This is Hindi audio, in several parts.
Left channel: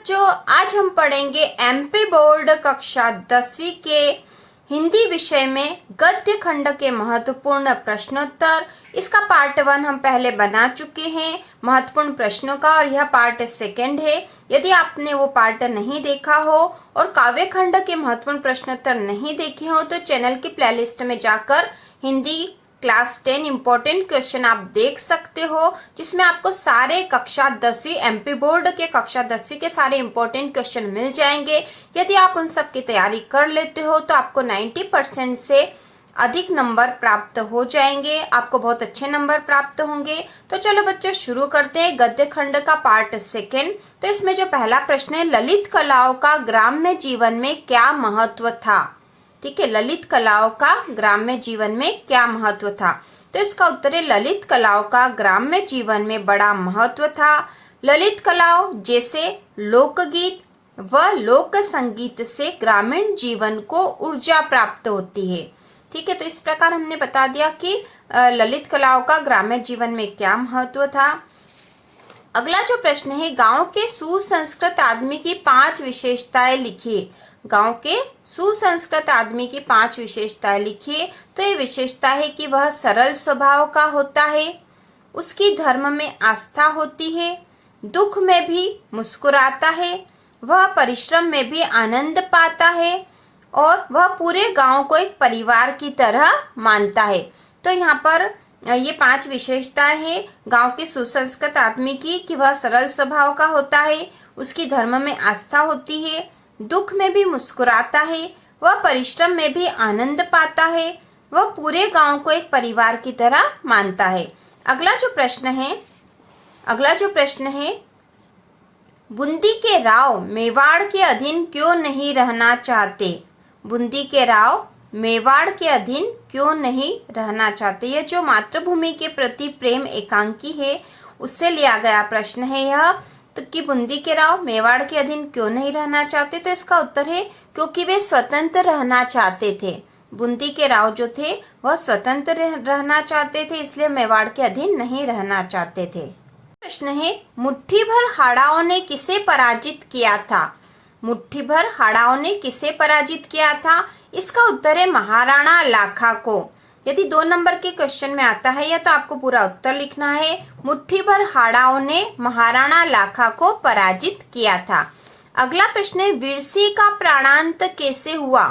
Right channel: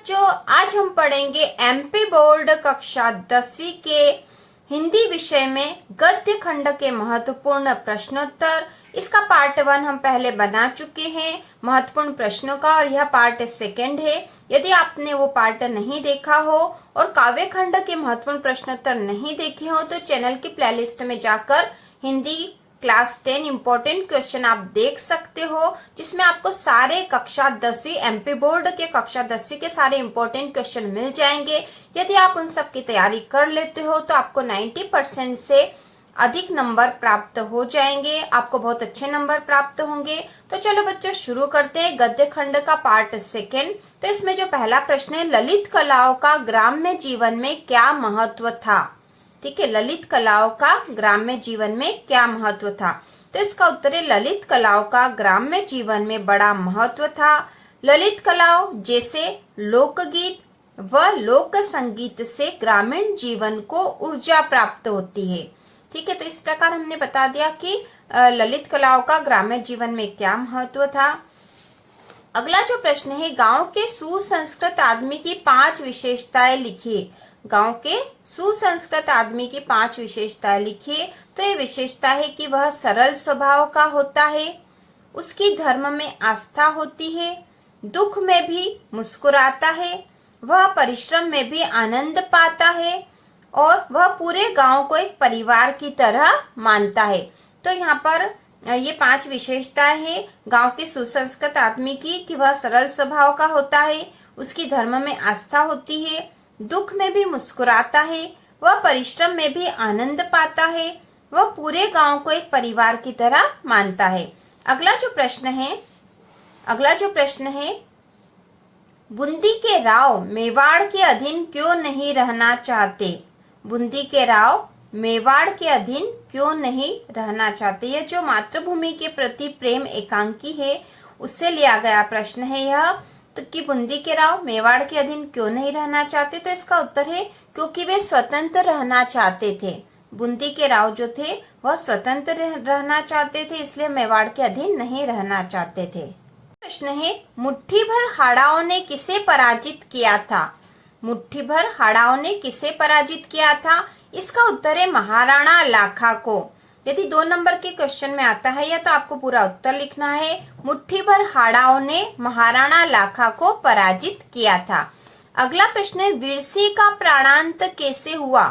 बच्चों, आज हम पढ़ेंगे एमपी बोर्ड कक्षा 10वीं के हिंदी विषय में गद्य खंड के महत्वपूर्ण प्रश्नोत्तर। इसका पार्ट 1 हम पहले बना चुके हैं महत्वपूर्ण प्रश्नों का, और यह पार्ट 2 है। यदि आपने वो पार्ट नहीं देखा हो और काव्य खंड के महत्वपूर्ण प्रश्नोत्तर नहीं देखे हो तो चैनल की प्लेलिस्ट में जाकर हिंदी क्लास 10 इम्पोर्टेंट क्वेश्चन आप देख सकते हो, जिसमें आपको सारे कक्षा 10वीं एमपी बोर्ड के कक्षा 10वीं के सारे इम्पोर्टेंट क्वेश्चन मिल जाएंगे। यदि आप उन सब की तैयारी कर लेते हो तो आपको 90% से अधिक नंबर प्राप्त हो जाएंगे, आपको बहुत अच्छे नंबर प्राप्त होंगे। तो चलो बच्चों शुरू करते हैं गद्य खंड का पार्ट 2। तो इसमें जो पहला प्रश्न है, ललित कलाओं का ग्राम्य जीवन में क्या महत्व था। ठीक है, ललित कलाओं का ग्राम्य जीवन में क्या महत्व था। तो इसका उत्तर है ललित कलाओं का ग्राम्य जीवन में बड़ा महत्व था। ललित कलाओं जैसे लोकगीत व लोक संगीत से ग्रामीण जीवन को ऊर्जा प्राप्त होती है। ठीक है, तो इस प्रकार हमने बता दिया कि ललित कलाओं का ग्राम्य जीवन में क्या महत्व था। अगला जो प्रश्न है, गांव के सुसंस्कृत आदमी की 5 विशेषताएं लिखिए। गांव के सुसंस्कृत आदमी की 5 विशेषताएं लिखिए। तो ये विशेषता है कि वह सरल स्वभाव का होता है, उसकी धर्म में आस्था होती है, दुख में भी मुस्कुराता है, वह परिश्रम में भी आनंद पाता है और वह पूरे गांव को एक परिवार की तरह मानता है। तो यहाँ पर ये 5 विशेषताएं हैं गांव के सुसंस्कृत आदमी की, कि वह सरल स्वभाव का होता है, उसकी धर्म में आस्था होती है, दुख में भी मुस्कुराता है, वह परिश्रम में भी आनंद पाता है, वह पूरे गांव को एक परिवार की तरह मानता है। अगला जो प्रश्न है, बूंदी के राव मेवाड़ के अधीन क्यों नहीं रहना चाहते। बूंदी के राव मेवाड़ के अधीन क्यों नहीं रहना चाहते। यह जो मातृभूमि के प्रति प्रेम एकांकी है उससे लिया गया प्रश्न है यह। तो कि बूंदी के राव मेवाड़ के अधीन क्यों नहीं रहना चाहते। तो इसका उत्तर है क्योंकि वे स्वतंत्र रहना चाहते थे। बूंदी के राव जो थे वह स्वतंत्र रहना चाहते थे, इसलिए मेवाड़ के अधीन नहीं रहना चाहते थे। प्रश्न है, मुट्ठी भर हाड़ाओं ने किसे पराजित किया था। मुट्ठी भर हाड़ाओं ने किसे पराजित किया था। इसका उत्तर है महाराणा लाखा को। यदि 2 नंबर के क्वेश्चन में आता है या तो आपको पूरा उत्तर लिखना है। मुट्ठी भर हाड़ाओं ने महाराणा लाखा को पराजित किया था। अगला प्रश्न है, वीरसिंह का प्राणांत कैसे हुआ।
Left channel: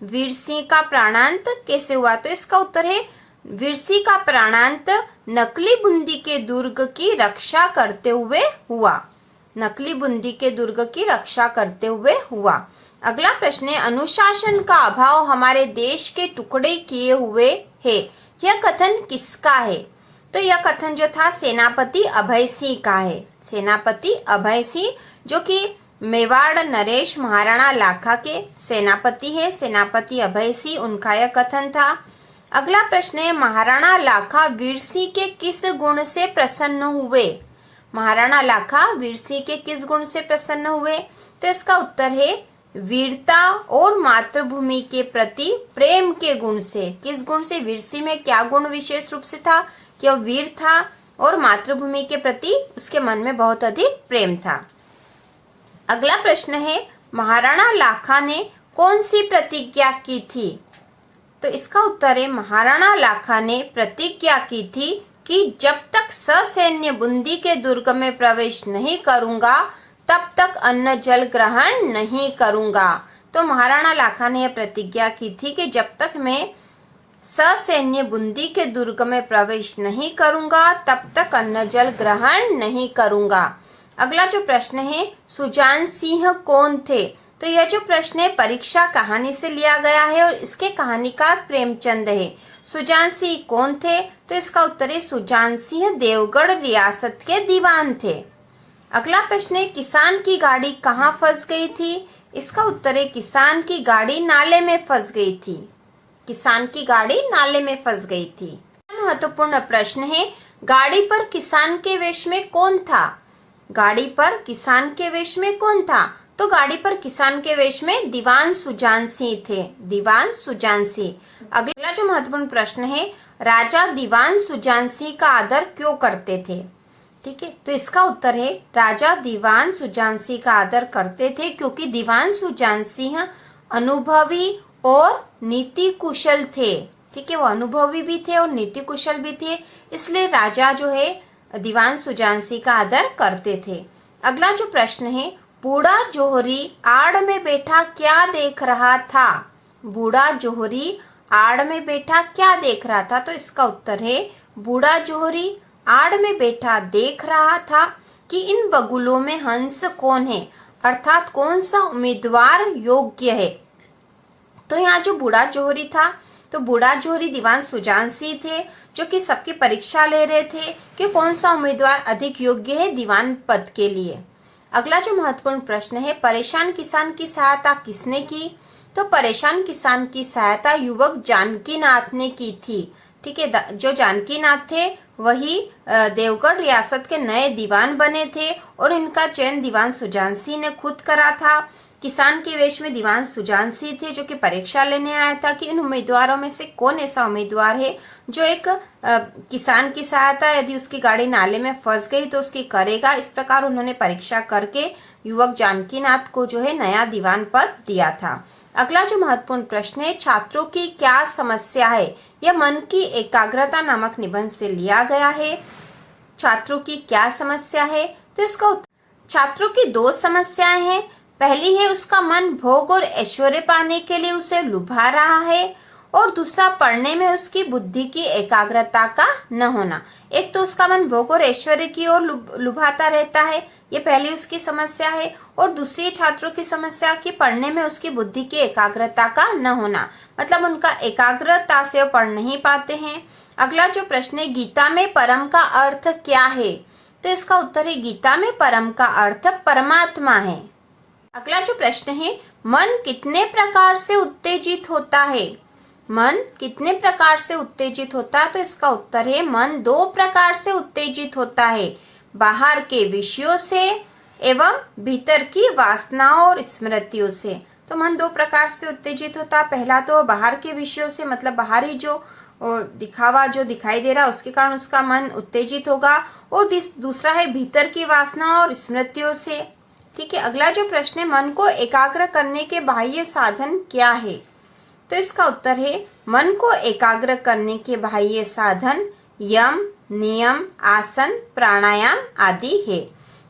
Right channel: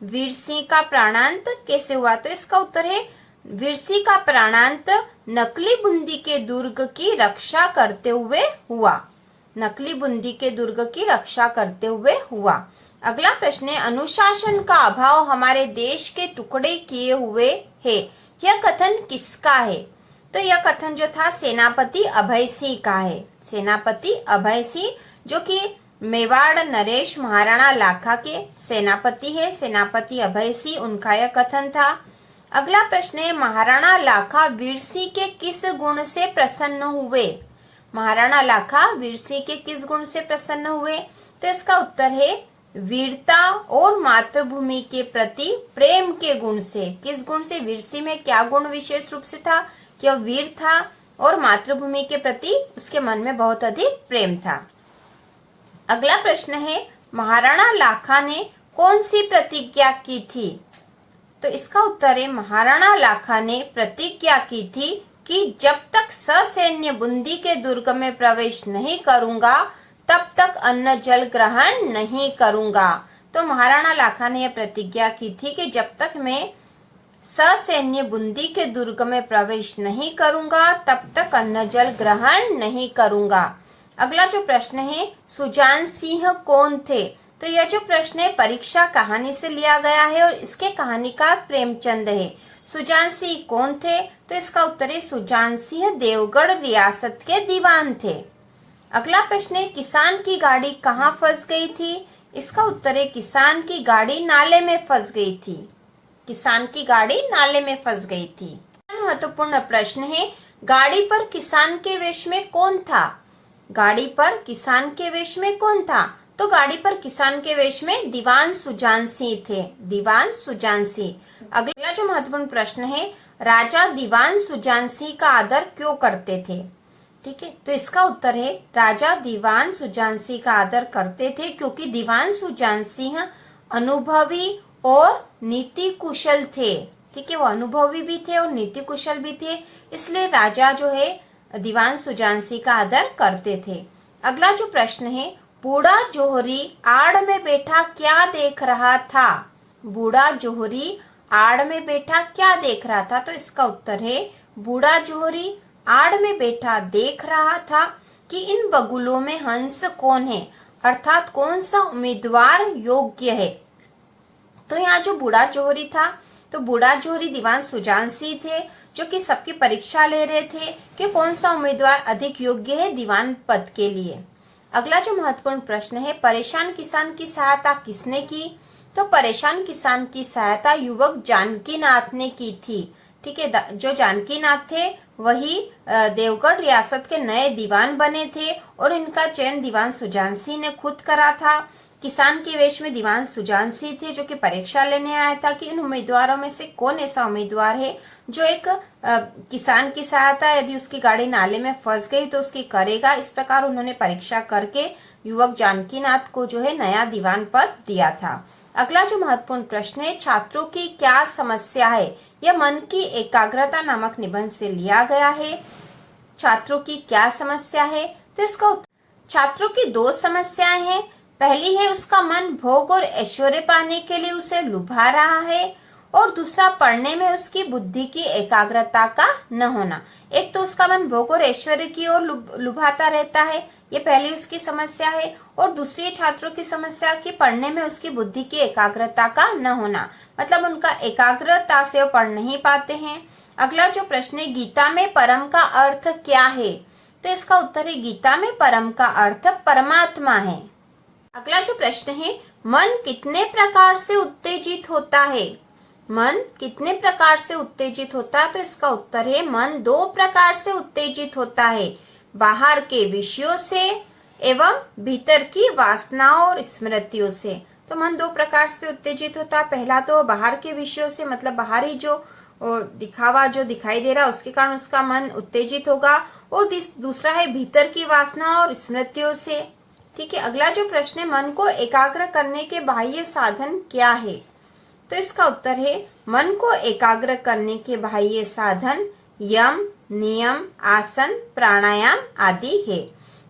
वीरसिंह का प्राणांत कैसे हुआ। तो इसका उत्तर है वीरसिंह का प्राणांत नकली बूंदी के दुर्ग की रक्षा करते हुए हुआ। नकली बूंदी के दुर्ग की रक्षा करते हुए हुआ। अगला प्रश्न है, अनुशासन का अभाव हमारे देश के टुकड़े किए हुए है। यह कथन किसका है। तो यह कथन जो था सेनापति अभय सिंह का है। सेनापति अभय सिंह जो कि मेवाड़ नरेश महाराणा लाखा के सेनापति है। सेनापति अभय सिंह, उनका यह कथन था। अगला प्रश्न है, महाराणा लाखा वीरसिंह के किस गुण से प्रसन्न हुए। महाराणा लाखा वीरसिंह के किस गुण से प्रसन्न हुए। तो इसका उत्तर है वीरता और मातृभूमि के प्रति प्रेम के गुण से। किस गुण से। वीरसिंह में क्या गुण विशेष रूप से था कि वह वीर था और मातृभूमि के प्रति उसके मन में बहुत अधिक प्रेम था। अगला प्रश्न है, महाराणा लाखा ने कौन सी प्रतिज्ञा की थी। तो इसका उत्तर है महाराणा लाखा ने प्रतिज्ञा की थी कि जब तक ससैन्य बूंदी के दुर्ग में प्रवेश नहीं करूंगा तब तक अन्न जल ग्रहण नहीं करूंगा। तो महाराणा लाखा ने यह प्रतिज्ञा की थी कि जब तक मैं ससैन्य बूंदी के दुर्ग में प्रवेश नहीं करूंगा तब तक अन्न जल ग्रहण नहीं करूंगा। अगला जो प्रश्न है, सुजान सिंह कौन थे। तो यह जो प्रश्न है परीक्षा कहानी से लिया गया है और इसके कहानीकार प्रेमचंद है। सुजान सिंह कौन थे। तो इसका उत्तर है सुजान सिंह देवगढ़ रियासत के दीवान थे। अगला प्रश्न है, किसान की गाड़ी कहाँ फंस गई थी। इसका उत्तर है किसान की गाड़ी नाले में फंस गई थी। किसान की गाड़ी नाले में फंस गई थी। महत्वपूर्ण प्रश्न है, गाड़ी पर किसान के वेश में कौन था। गाड़ी पर किसान के वेश में कौन था। तो गाड़ी पर किसान के वेश में दीवान सुजान सिंह थे। दीवान सुजान सिंह। अगला जो महत्वपूर्ण प्रश्न है, राजा दीवान सुजान सिंह का आदर क्यों करते थे। ठीक है, तो इसका उत्तर है राजा दीवान सुजानसिंह का आदर करते थे क्योंकि दीवान सुजानसिंह अनुभवी और नीति कुशल थे। ठीक है, वो अनुभवी भी थे और नीति कुशल भी थे, इसलिए राजा जो है दीवान सुजानसिंह का आदर करते थे। अगला जो प्रश्न है, बूढ़ा जोहरी आड़ में बैठा क्या देख रहा था? बूढ़ा जोहरी आड़ में बैठा क्या देख रहा था? तो इसका उत्तर है बूढ़ा जोहरी आड़ में बैठा देख रहा था कि इन बगुलों में हंस कौन है, अर्थात कौन सा उम्मीदवार योग्य है। तो यहाँ जो बूढ़ा जोहरी था, तो बूढ़ा जोहरी दीवान सुजानसिंह थे जो कि सबकी परीक्षा ले रहे थे कि कौन सा उम्मीदवार अधिक योग्य है दीवान पद के लिए। अगला जो महत्वपूर्ण प्रश्न है, परेशान किसान की सहायता किसने की? तो परेशान किसान की सहायता युवक जानकीनाथ ने की थी। ठीक है, जो जानकीनाथ थे वही देवगढ़ रियासत के नए दीवान बने थे और इनका चयन दीवान सुजानसिंह ने खुद करा था। किसान के वेश में दीवान सुजानसिंह थे जो कि परीक्षा लेने आया था कि इन उम्मीदवारों में से कौन ऐसा उम्मीदवार है जो एक किसान की सहायता, यदि उसकी गाड़ी नाले में फंस गई तो उसकी करेगा। इस प्रकार उन्होंने परीक्षा करके युवक जानकीनाथ को जो है नया दीवान पद दिया था। अगला जो महत्वपूर्ण प्रश्न है, छात्रों की क्या समस्या है? यह मन की एकाग्रता नामक निबंध से लिया गया है। छात्रों की क्या समस्या है? तो इसका छात्रों की दो समस्याएं हैं। पहली है उसका मन भोग और ऐश्वर्य पाने के लिए उसे लुभा रहा है, और दूसरा पढ़ने में उसकी बुद्धि की एकाग्रता का न होना। एक तो उसका मन भोग और ऐश्वर्य की ओर लुभाता रहता है, ये पहली उसकी समस्या है, और दूसरी छात्रों की समस्या कि पढ़ने में उसकी बुद्धि की एकाग्रता का न होना, मतलब उनका एकाग्रता से वो पढ़ नहीं पाते हैं। अगला जो प्रश्न है, गीता में परम का अर्थ क्या है? तो इसका उत्तर है गीता में परम का अर्थ परमात्मा है। अगला जो प्रश्न है, मन कितने प्रकार से उत्तेजित होता है? मन कितने प्रकार से उत्तेजित होता है? तो इसका उत्तर है मन दो प्रकार से उत्तेजित होता है, बाहर के विषयों से एवं भीतर की वासनाओं और स्मृतियों से। तो मन दो प्रकार से उत्तेजित होता है, पहला तो बाहर के विषयों से, मतलब बाहरी जो दिखावा जो दिखाई दे रहा है उसके कारण उसका मन उत्तेजित होगा, और दूसरा है भीतर की वासना और स्मृतियों से। ठीक है, अगला जो प्रश्न है, मन को एकाग्र करने के बाह्य साधन क्या है? तो इसका उत्तर है मन को एकाग्र करने के बाह्य साधन यम, नियम, आसन, प्राणायाम आदि है।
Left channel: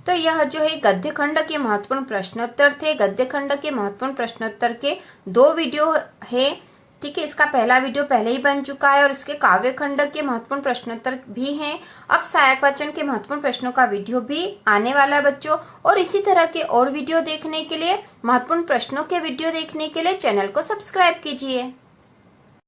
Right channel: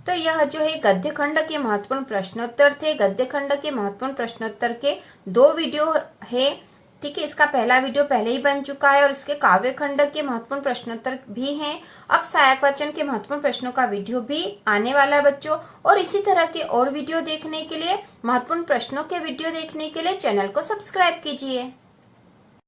तो यह जो है गद्य खंड के महत्वपूर्ण प्रश्नोत्तर थे। गद्य खंड के महत्वपूर्ण प्रश्नोत्तर के दो वीडियो है। ठीक है, इसका पहला वीडियो पहले ही बन चुका है और इसके काव्य खंड के महत्वपूर्ण प्रश्नोत्तर भी हैं। अब सहायक वाचन के महत्वपूर्ण प्रश्नों का वीडियो भी आने वाला है बच्चों, और इसी तरह के और वीडियो देखने के लिए, महत्वपूर्ण प्रश्नों के वीडियो देखने के लिए चैनल को सब्सक्राइब कीजिए।